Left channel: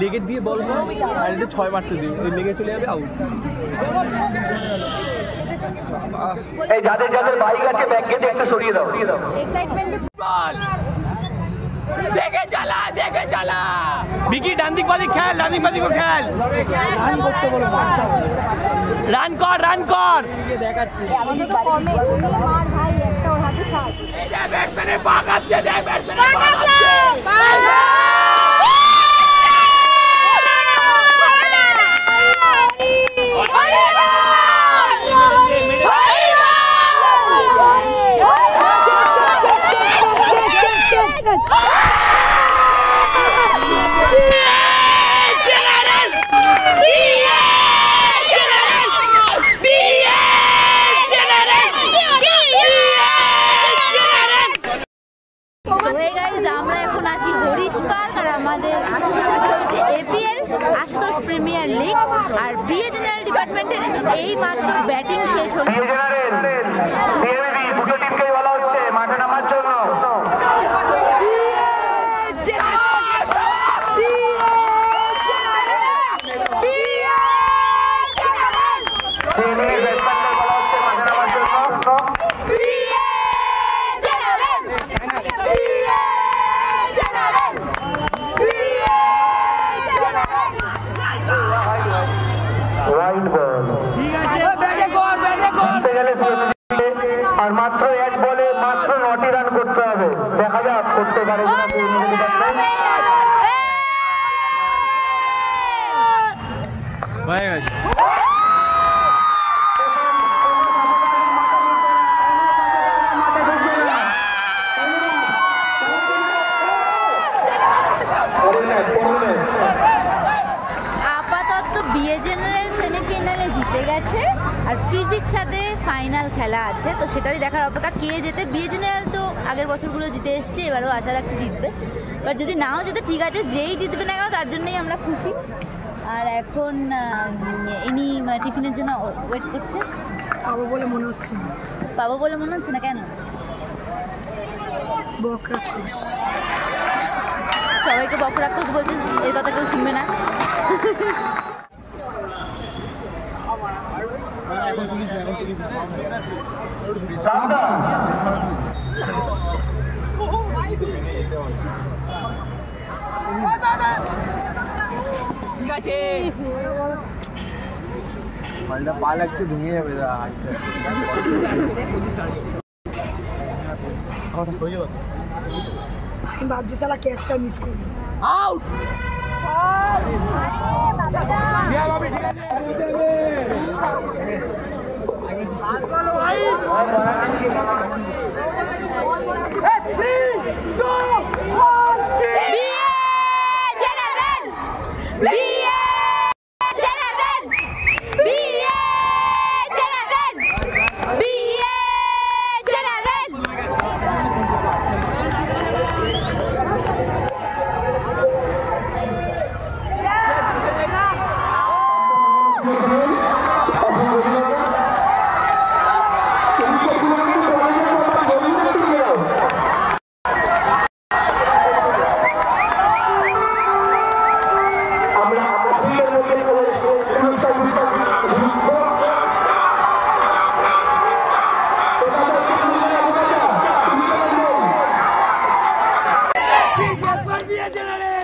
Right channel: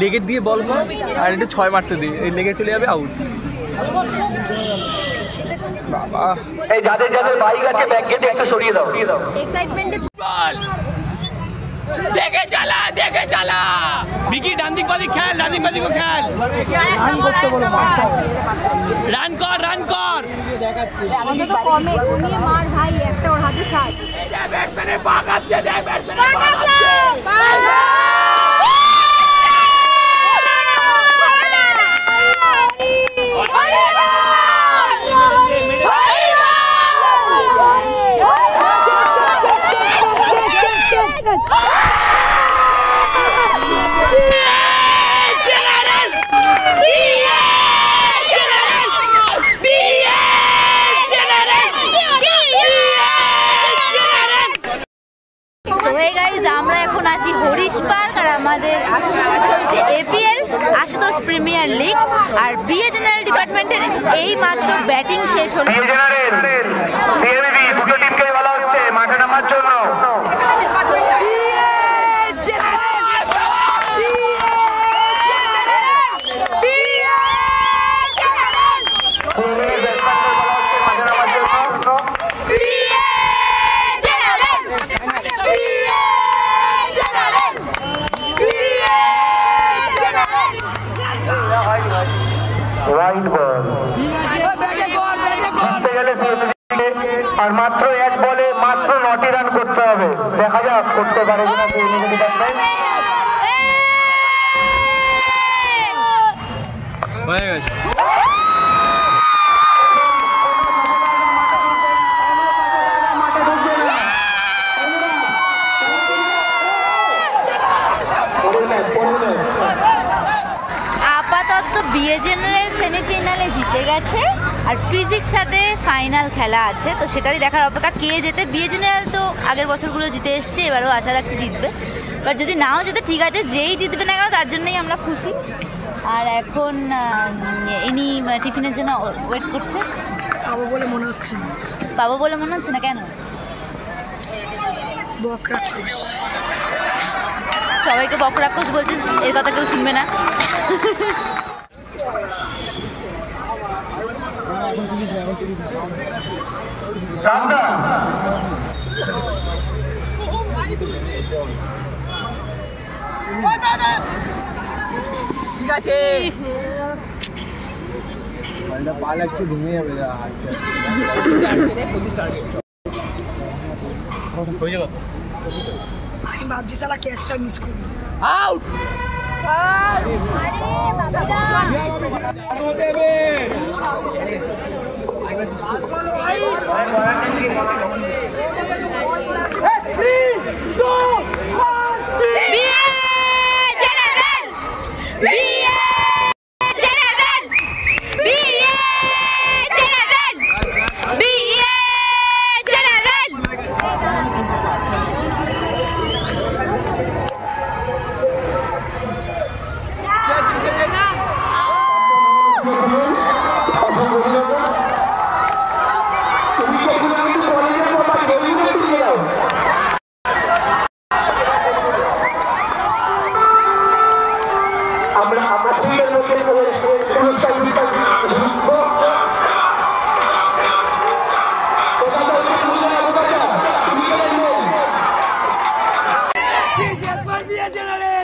লেগে দিয়ে বল আর একটু 6 মারতে দিই, লেগে চলে যাবে আউট। এই যাদের যাদের বাইক আছে ব্যাক গেটে একটু সরিয়ে দাও। এক্সাইটমেন্টে বল দেখে চালা বিকি ডান দিক বাদিক খেল, ডান দিক বাদিক খেল, রান করতে বলো, রান কর দেখাচ্ছি ভাই একটা ওর হাতে ছাড়। এই যে ব্যাটসম্যানের পা কাটছে, দেখ ব্যাটসম্যানের পা কাটছে। আমরা এখন আছি হরিশ পার্ক আর আমাদের আশুতোষে চলছে এপিএল আশুতোষ প্রিমিয়ার লিগ আর বিএ জেনারেল ডিপার্টমেন্টের এই মাত্র ব্যাটিং শেষ হলো। দুটো টিমকেই বলা হচ্ছে মাঠে নামার জন্য। আর মাত্র এক বলে মাত্র 9টি রান করতে হবে, দেখা যাক করতে পারে কিনা। আপাতত বিএ জেনারেল সেমিফাইনালে জিতে গেছে আর ফিজিক্স সাথে ফাইনাল খেলা আছে, তো সেটারই দেখার অপেক্ষা কে জেতে। বিএ জেনারেল তো আগের বছরগুলো জিতে এসছে, এবারও আশা রাখছি জিতবে, বাট যদি নাও জিতে ঠিক আছে, যেই জিতবে না কেন তার জন্যই আমরা খুশি। আর এখন ইনি টিফিনের জন্য ওয়েট করছে। পাবো বলে মনে হচ্ছে না। কেন? বকরাক্ষস, সবাইকে বকরাক্ষস বলছে, এর কথা কেউ শুনবে না। ঠিক আছে, পা লাগছে, ভেঙে যাবে। আমি ভাবছি সালা ক্যাচটা মিস করবো। আউট। General!